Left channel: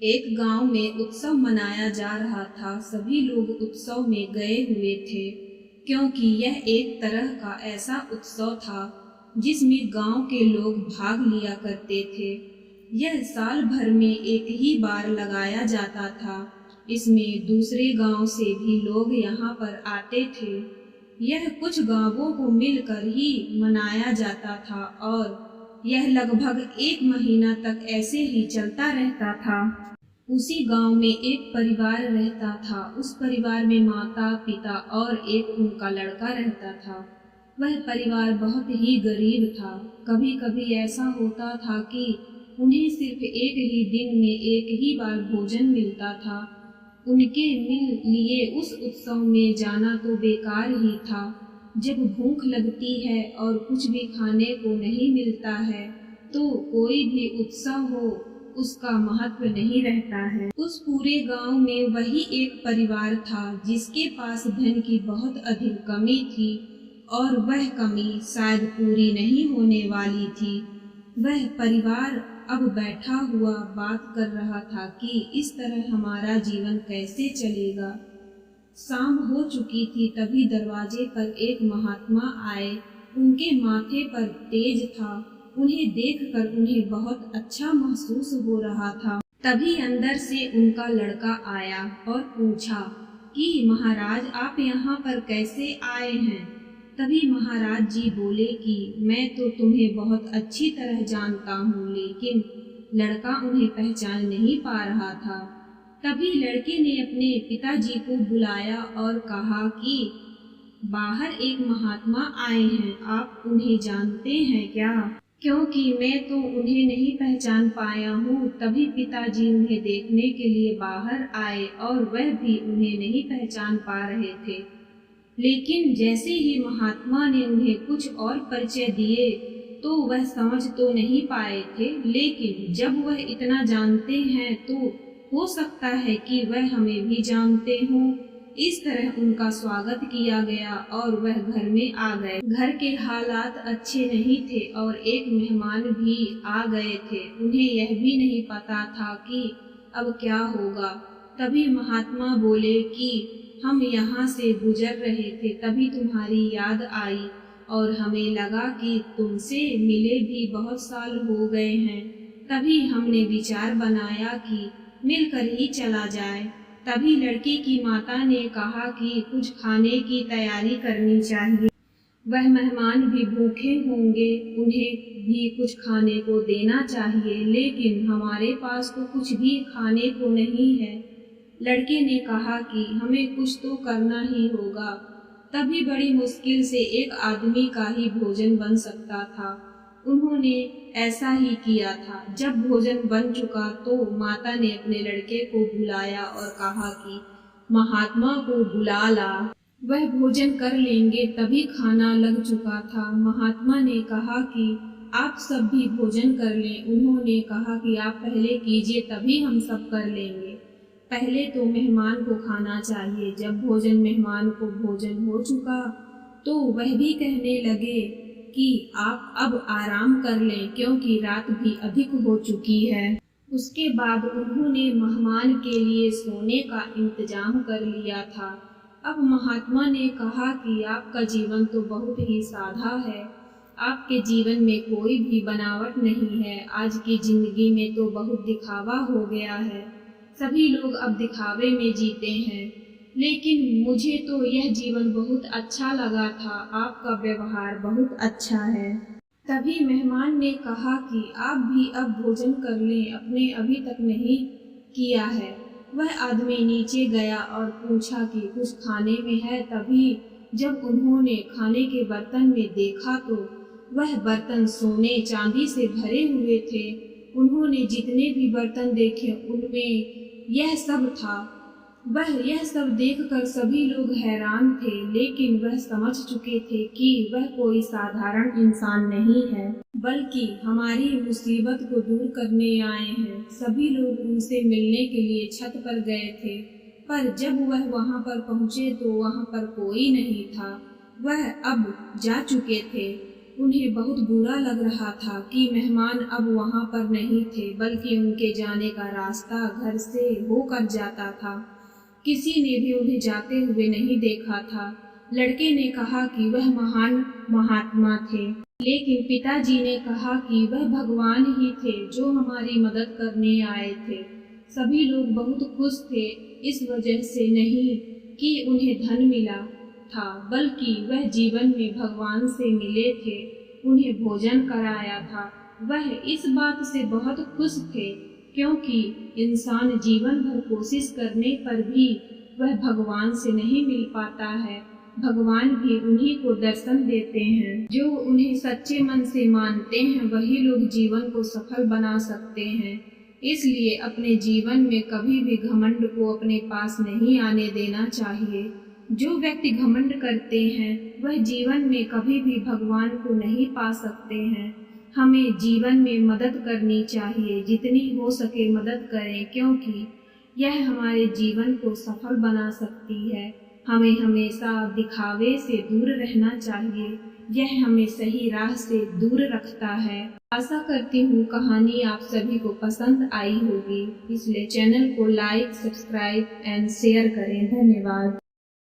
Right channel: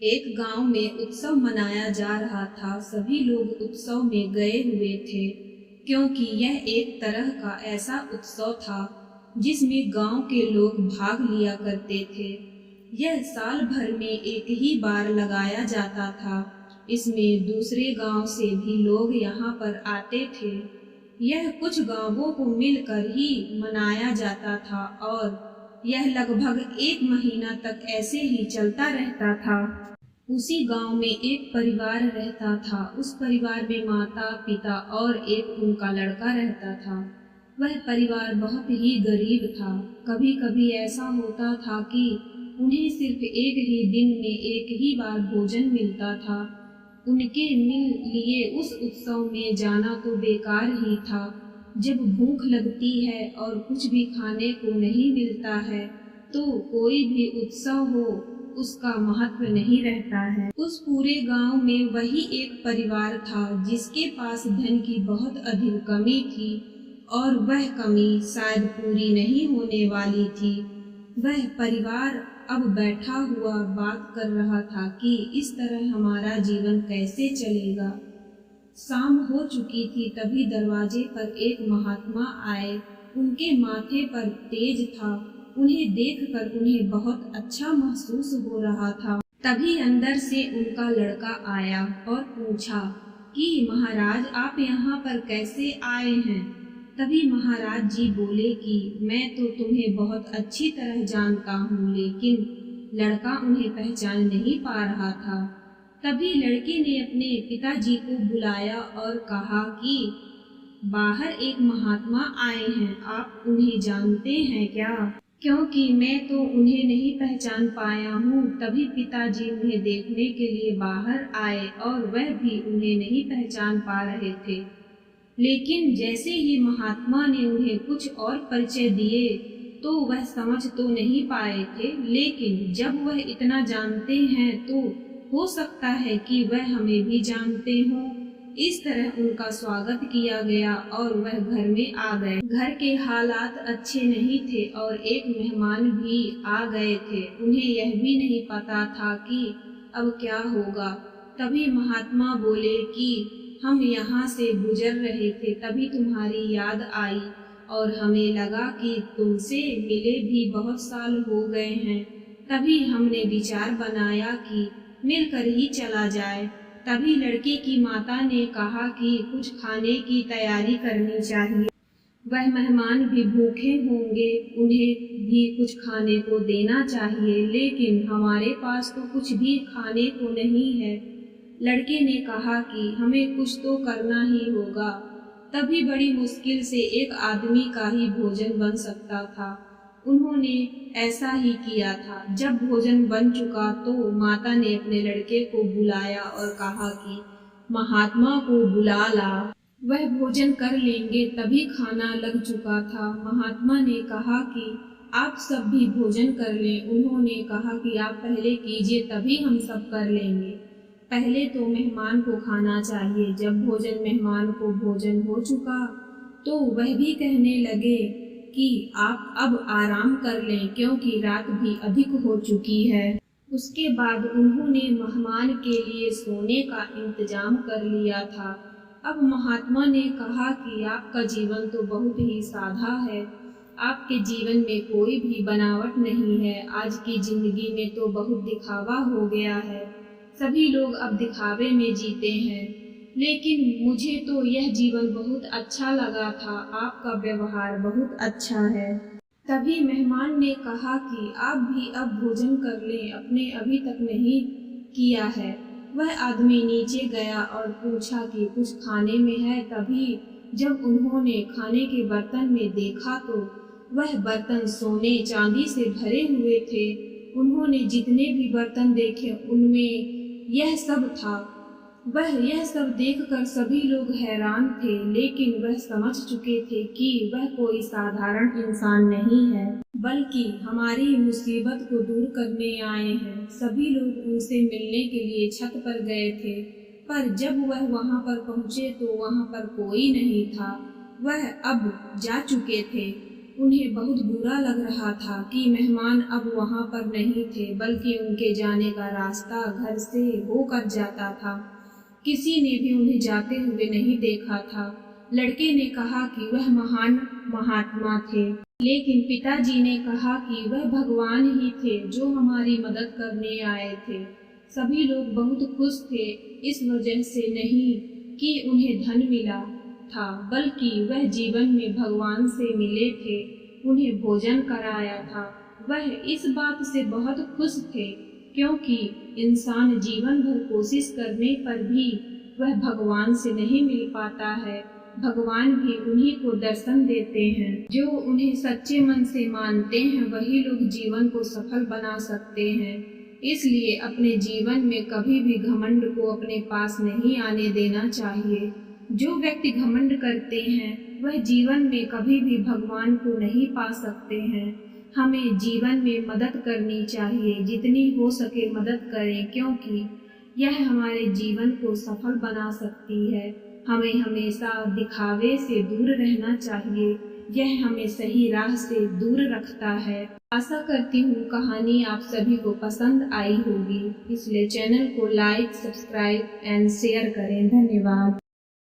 एक गांव में उत्सव मनाया जा रहा था। सभी लोग उत्सव में गए हुए थे, क्योंकि यह एक तरह का ऐसा उत्सव था जिसमें गांव के लोग भाग लिया करते थे। यह साल भर में एक ही बार लगाया जाता था। इसमें दूसरे गांव से भी लोग यहाँ पर आते थे। यह कुछ गांवों को मिलकर ही मनाया जाता था और यह लगभग एक महीना तक ऐसे ही चलता रहता था। उसी गांव में एक परिवार रहता था। उस परिवार में माता, पिता और एक उनका लड़का रहता था। वह परिवार बहुत ही गरीब था। कभी कभी ऐसा होता था कि उन्हें सिर्फ एक ही दिन में एक ही बार भोजन मिलता था। उनके लिए उस उत्सव में जाना तो बेकार ही था। जब भूख लगती है और कुछ भी खाने को नहीं मिलता है तो कोई भी उत्सव हो उसका महत्व नहीं रहता है। उस पूरे गांव में वही एक परिवार था जिसके पास धन की बहुत अधिक कमी थी और वह कमी शायद पूरी नहीं होने वाली थी। वह परिवार अब बैठा हुआ बात कर रहा था कि इस तरह हमारा जीवन कैसे चलेगा। शाम हो चुकी थी, तभी दरवाजे पर एक महात्मा आए। उनके माथे पर तेज था। उन्हें देखकर उन्हें बहुत अच्छा महसूस हो रहा था। तभी अंदर से उनका लड़का आया और पूछा कि महाराज, आप यहाँ पर कैसे आए हैं। तभी महाराज जी बोले कि मैं तो तुम्हें बहुत अच्छी तरह जानता हूँ, लेकिन लड़का उन्हें पहचान नहीं पा रहा था। तभी लड़के ने अपने पिताजी को बुलाया और कहा कि बाहर एक महात्मा आए हैं, आप उन्हें जानते हैं क्या? क्योंकि मैं तो उन्हें नहीं पहचान पाया हूँ। तभी पिताजी उन्हें देखने के लिए बाहर आए और वह भी उन्हें नहीं पहचान पा रहे थे। लेकिन जैसे ही महात्मा ने उन्हें कुछ और परिचय दिए तो वह समझ तो नहीं पाए थे, लेकिन जब वह इतना जानते हैं तो हो सकता है कि वह हमें भी जानते हों। इस तरह उनका स्वागत किया गया और वह घर में आ गए। घर के हालात अच्छे नहीं थे और एक मेहमान भी आ गए थे। उन्हें यह भी नहीं पता था कि अब क्या होगा। तभी महात्मा बोले कि हम यहाँ से गुजर रहे थे, तभी तुम्हारी याद आई और हमें लगा कि तुमसे मिले भी बहुत साल हो गए हैं। तभी हमने विचार बनाया कि मिलकर ही चला जाए। तभी लड़के की माता ने कहा कि कुछ खाने की तैयारी करनी चाहिए। वह मेहमान भी भूखे होंगे, उन्हें भी कुछ खाने को देना चाहिए, लेकिन हमारे पास तो कुछ भी खाने को नहीं है। लड़के ने कहा कि हमें कुछ तो करना ही होगा। तभी बड़ी मुश्किल से एक आदमी का ही भोजन बन सकता था। उन्होंने ऐसा ही किया था। जब भोजन बन चुका तो माता ने अपने लड़के को बुलाया और कहा कि महात्मा को बुला ला, वह भोजन कर लेंगे। तभी खाना लग चुका था। महात्मा ने कहा कि आप सब भी भोजन कर लें। उन्होंने कहा कि आप पहले कीजिए, तभी हम सब कर लेंगे। पहले तो मेहमान को खाना चाहिए। जब मेहमान को भोजन हो चुका तो वह भी कहने लगे कि आप अब आराम कर लें, क्योंकि रात भी अधिक हो चुकी है। उसके बाद उन्होंने मेहमान के लिए सोने का इंतजाम कर लिया था। अब महात्मा ने कहा कि आपका जीवन तो बहुत ही सादा है। आपके जीवन में कोई भी बनावट नहीं है। आज की जिंदगी में तो बहुत दिखावा हो गया है। सभी लोग अब दिखावे में जीते हैं, लेकिन मुझे तो यह जीवन बहुत अच्छा लगा था। आपका व्यवहार बहुत अच्छा है। तभी मेहमान ने कहा कि आप भी अब भोजन कर लें, अपने अभी तक नहीं किया है। वह आदमी नीचे गया और पूछा कि कुछ खाने में है। तभी जब उन्होंने खाने के बर्तन में देखा तो वह बर्तन सोने चांदी से भरे हुए थे। उन्होंने जितने भी बर्तन देखे उनमें यह सब था। वह यह सब देखकर सभी लोग हैरान थे, लेकिन वह समझ चुके थे कि वह कोई साधारण इंसान नहीं है, बल्कि हमारी मुसीबत को दूर करने आए हैं। सभी लोग उनसे मिलने के लिए छत पर गए थे, पर जब वह वहां पर पहुंचे तो वहां पर कोई नहीं था। वह अब जा चुके थे। उन्हें बहुत बुरा लग रहा था कि मेहमान अब वहाँ पर नहीं थे, बल्कि उनके जाने का रास्ता घर से होकर जाता था। किसी ने भी उन्हें जाते हुए नहीं देखा था। लड़के ने कहा कि वह महान महात्मा थे, लेकिन पिताजी ने कहा कि वह भगवान ही थे जो हमारी मदद करने आए थे। सभी लोग बहुत खुश थे, इस वजह से नहीं कि उन्हें धन मिला था, बल्कि वह जीवन में भगवान से मिले थे, उन्हें भोजन कराया था। वह इस बात से बहुत खुश थे क्योंकि इंसान जीवन भर कोशिश करने पर भी वह भगवान से नहीं मिल पाता है। भगवान भी उन्हीं को दर्शन देते हैं। जो उन्हें सच्चे मन से मानते हैं वही लोग जीवन को सफल बना सकते हैं। इसलिए अपने जीवन में कभी भी घमंड को अपने पास नहीं आने देना चाहिए। जो व्यक्ति घमंड करते हैं वह जीवन में कभी भी भगवान को नहीं पा सकते हैं। हमें जीवन में मदद करनी चाहिए, जितनी हो सके मदद करें, क्योंकि यह हमारे जीवन को सफल बना सकती है। हमें हमेशा दिखावे से दूर रहना चाहिए, यह हमें सही राह से दूर रखता है। आशा करती हूँ कहानी आप सभी को पसंद आई होगी, इसलिए चैनल को लाइक, सब्सक्राइब एंड शेयर करें। धन्यवाद।